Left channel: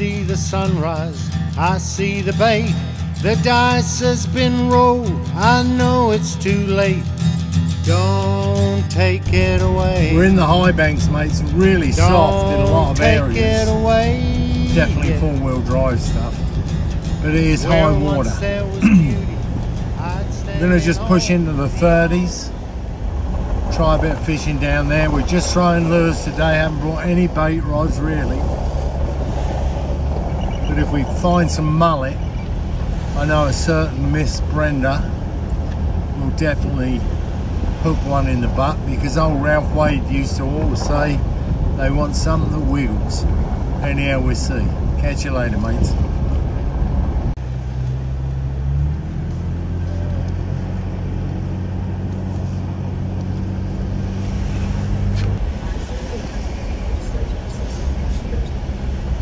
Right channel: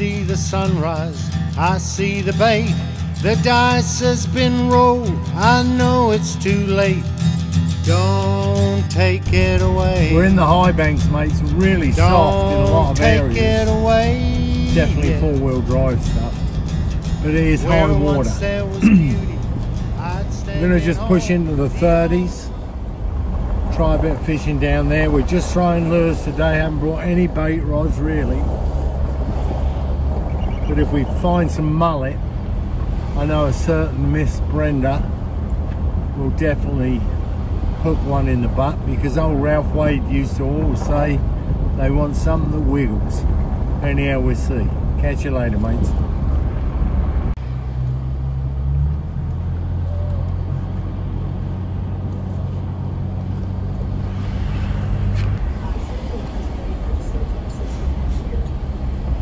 see the sunrise, I see the bait. The dice has been rolled, I know it's too late. Don't take it away. We're in the high banks, mate. It's really soft in a lot of areas. Don't take it away. Definitely four-wheel drive stuff. But it is high water. There was beauty, We're going to just push into the 30s. Try a bit of fishing down there. We're just throwing lures today. Haven't brought any bait rods really. But if we find some mullet, I know a certain Miss Brenda will definitely hook one in the butt, because old Ralph Wade used to always say they want something that wiggles. Anyhow, we'll see. Catch you later, mates.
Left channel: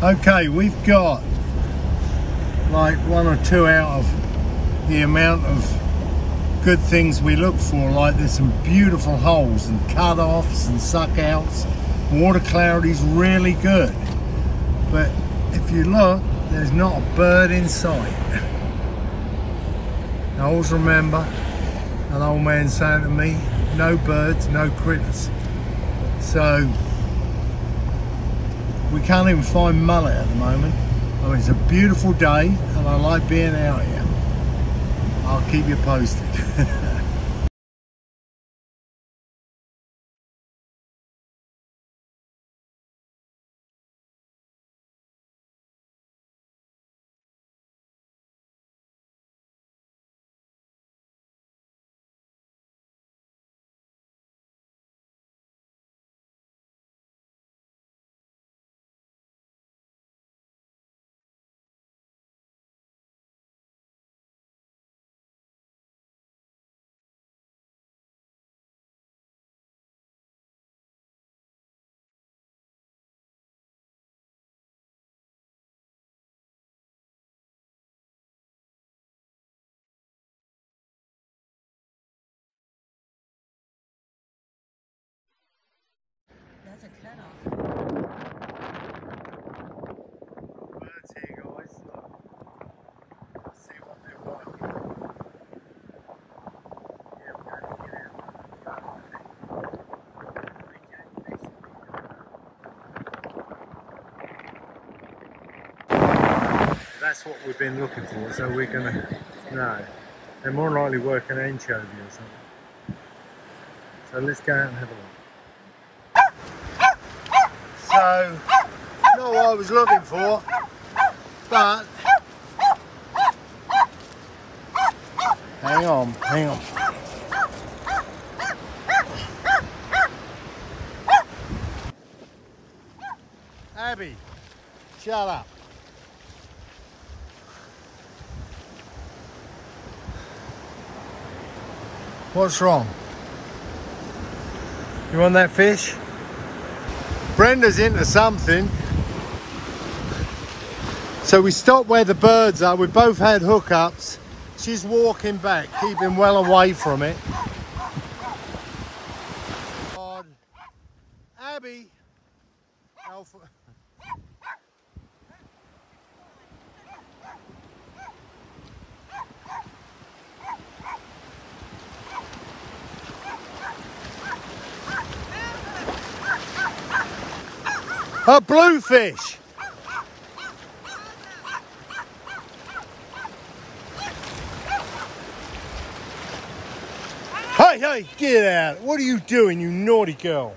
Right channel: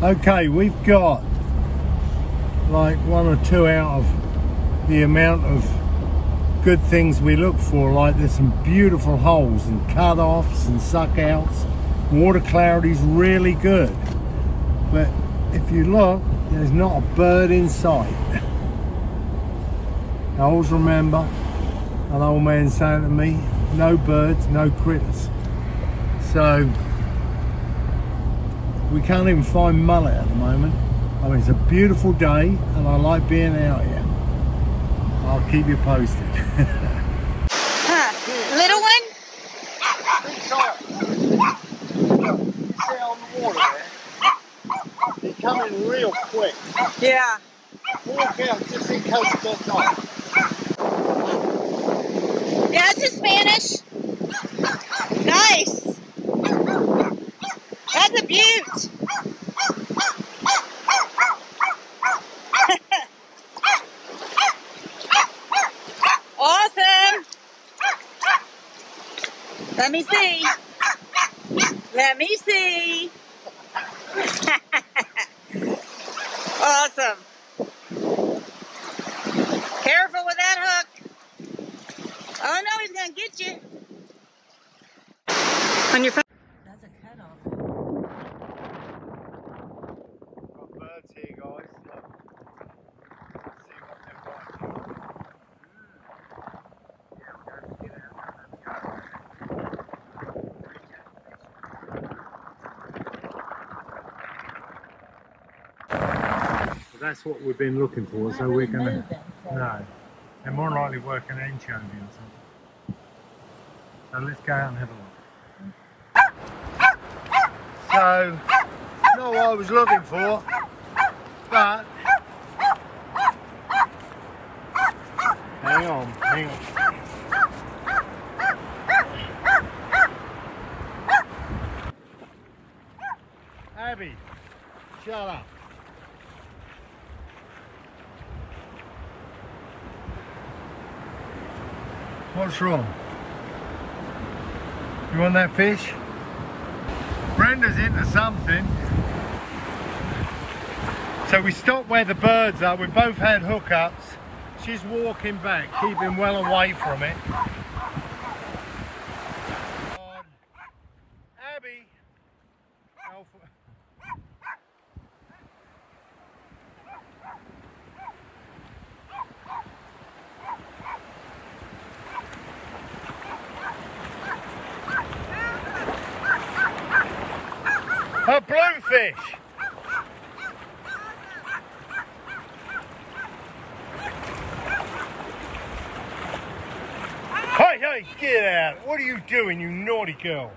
Okay, we've got like 1 or 2 out of the amount of good things we look for. Like there's some beautiful holes and cut-offs and suck-outs. Water clarity's really good. But if you look, there's not a bird in sight. I always remember an old man saying to me, no birds, no critters. So we can't even find mullet at the moment. I mean, it's a beautiful day and I like being out here. I'll keep you posted. Little one? See on the water there? They're coming real quick. Yeah. Walk out just in case it gets off. Yeah, that's in Spanish. Nice. That's a beaut. Awesome. Let me see. Let me see. Awesome. Careful with that hook. Oh no, he's gonna get you. On your phone. That's a cutoff. Birds here, guys. Let's see what they're like. Yeah, we're going to get out. That's what we've been looking for, so we're going to... No, they're more likely working anchovy or something. So let's go out and have a look. So, not what I was looking for, but hang on. Abby, shut up. What's wrong? You want that fish? Brenda's into something. So we stopped where the birds are. We both had hookups. She's walking back, keeping well away from it. Abby. Alpha. A bluefish. Hey, get out. What are you doing, you naughty girl?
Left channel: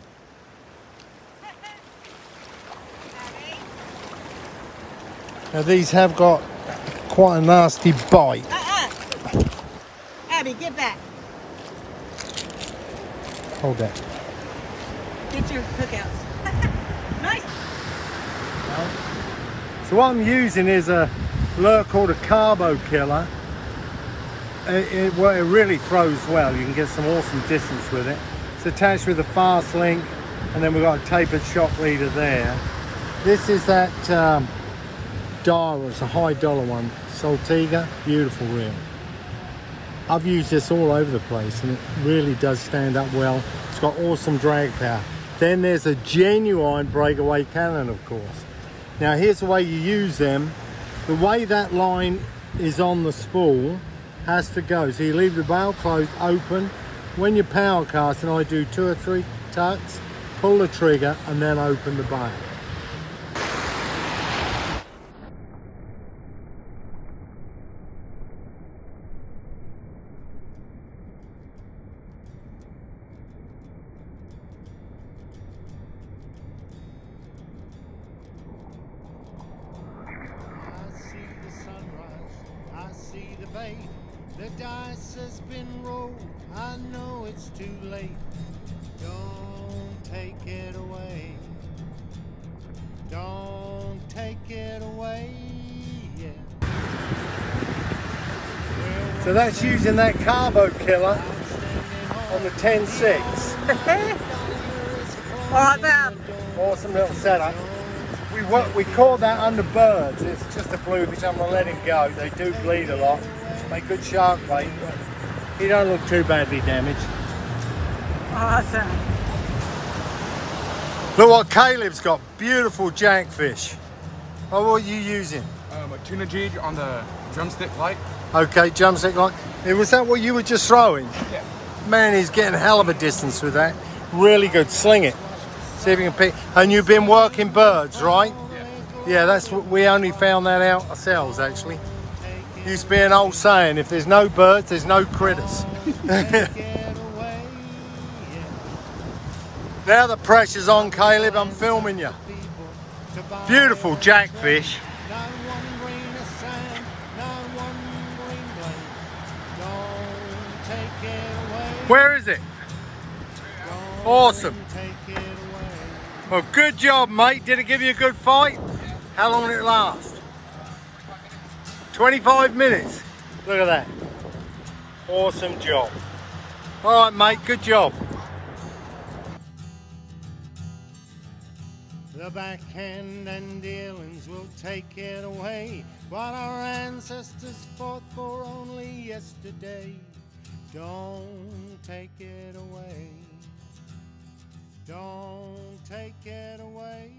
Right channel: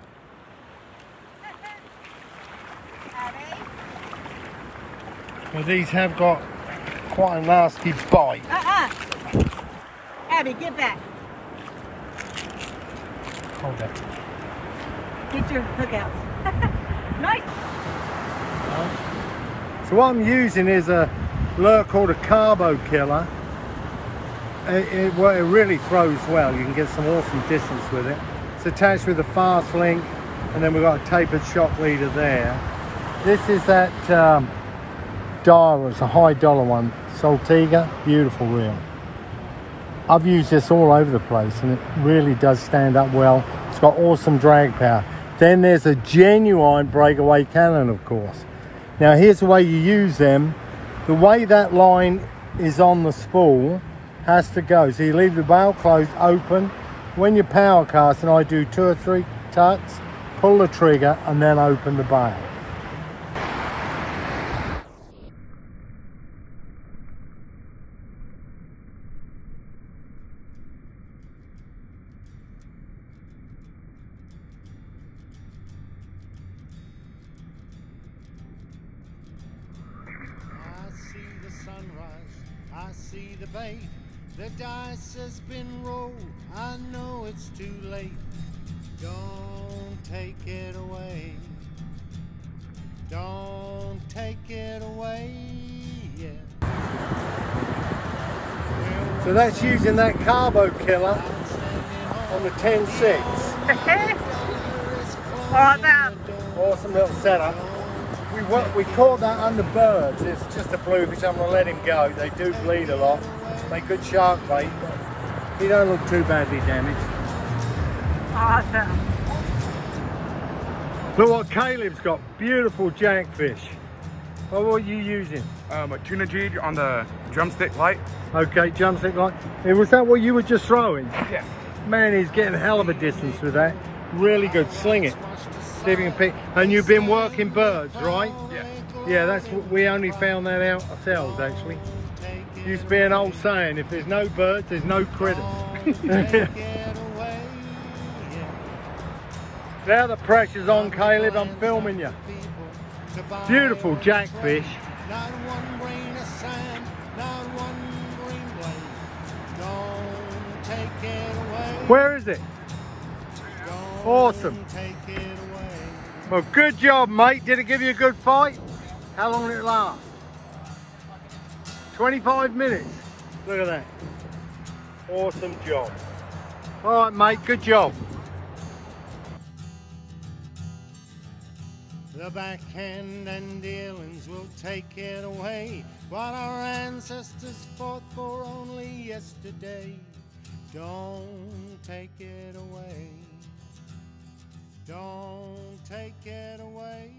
Now these have got quite a nasty bite. Abby, get back. Hold that. Get your hookouts. Nice. So what I'm using is a lure called a carbo killer. It really throws well. You can get some awesome distance with it. It's attached with a fast link, and then we've got a tapered shock leader there. This is that dial. It's a high dollar one. Saltiga, beautiful reel. I've used this all over the place, and it really does stand up well. It's got awesome drag power. Then there's a genuine breakaway cannon, of course. Now here's the way you use them. The way that line is on the spool has to go. So you leave the bail closed open. When you're power casting, I do 2 or 3 tucks, pull the trigger and then open the bail. I see the bait, the dice has been rolled, I know it's too late, don't take it away, don't take it away, yeah. So that's using that carbo killer on the 10.6. Like that. Awesome little setup. We caught that under birds. It's just a bluefish. I'm going to let him go. They do bleed a lot. Make good shark bait, but he don't look too badly damaged. Awesome. Look what Caleb's got. Beautiful jackfish. What are you using? A tuna jig on the drumstick light. Okay, drumstick light. Was that what you were just throwing? Yeah. Man, he's getting a hell of a distance with that. Really good. Sling it. See if you can pick. And you've been working birds, right? Yeah. Yeah, that's what we only found that out ourselves, actually. Used to be an old saying, if there's no birds, there's no critters. Now the pressure's on, Caleb, I'm filming you. Beautiful jackfish. Not one grain of sand, not one green blade. Don't take it away. Where is it? Awesome. Take it away. Well, good job, mate. Did it give you a good fight? How long did it last? 25 minutes. Look at that. Awesome job. All right, mate, good job. The backhand and dealings will take it away. What our ancestors fought for only yesterday. Don't take it away. Don't take it away.